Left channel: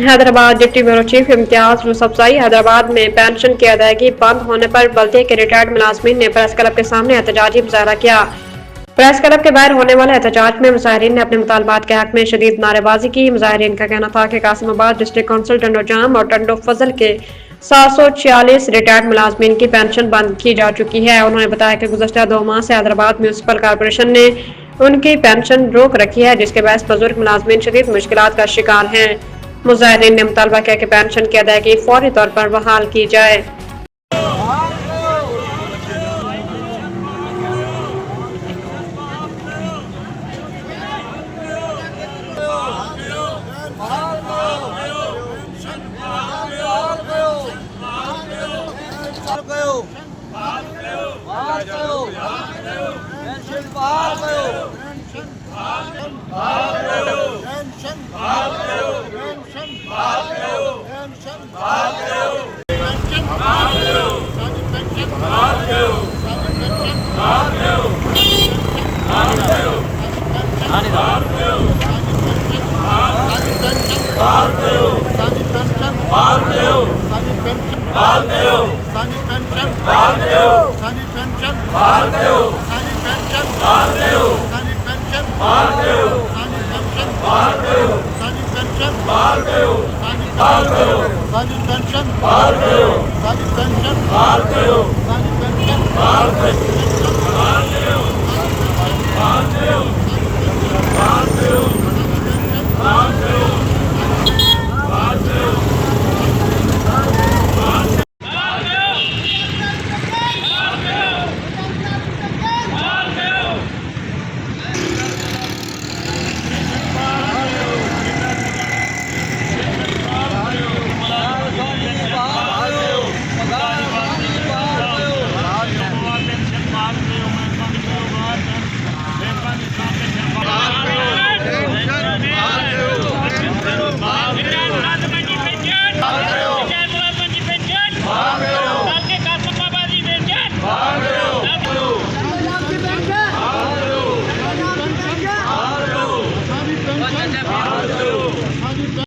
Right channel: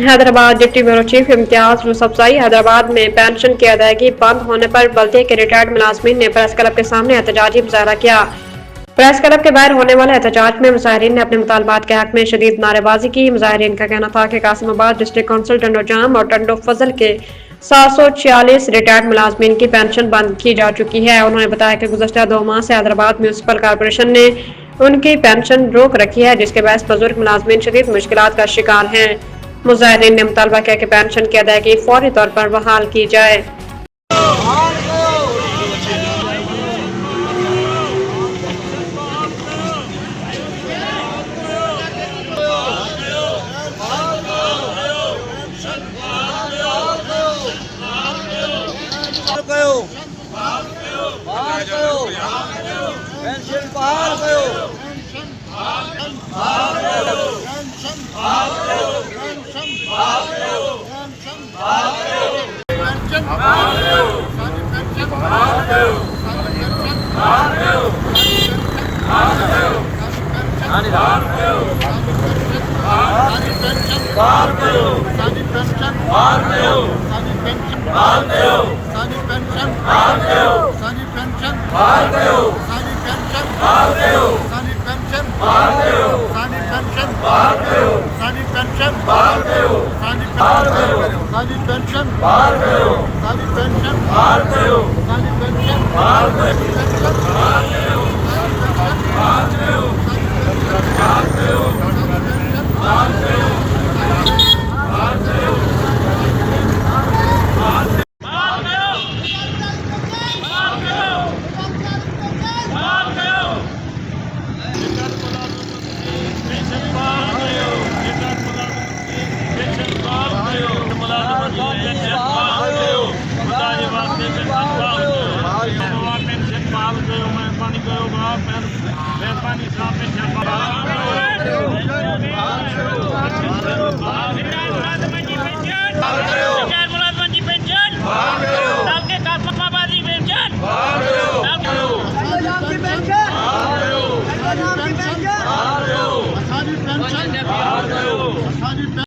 Hyderabad deputy bureau chief Imtiaz Yousafzai. Hyderabad में pension की अदायगी बंद होने पर बल्दिया के रिटायर्ड मुलाजमीन ने प्रेस क्लब के सामने एहतजाजी मुजाहरा किया। प्रेस क्लब के बाहर होने वाले एहतजाज में मुजाहिरीन ने अपने मुतालबात के हक में शदीद नारेबाजी की। मुजाहिरीन का कहना था कि कासिमाबाद डिस्ट्रिक्ट काउंसिल टंडो जाम और टंडो फजल के 746 रिटायर्ड मुलाजमीन की पेंशन बंद की जा चुकी है। उन्होंने बताया कि गुज़श्ता 2 माह से हैदराबाद म्यूनसिपल कॉरपोरेशन ने उनकी पेंशन रोक रखी है, जिसके बायस बुजुर्ग मुलाजमीन शदीद मुश्किलात का शिकार हैं। मुजाहिरीन ने मुतालबा किया कि पेंशन की अदायगी फौरी तौर पर बहाल की जाए। पेंशन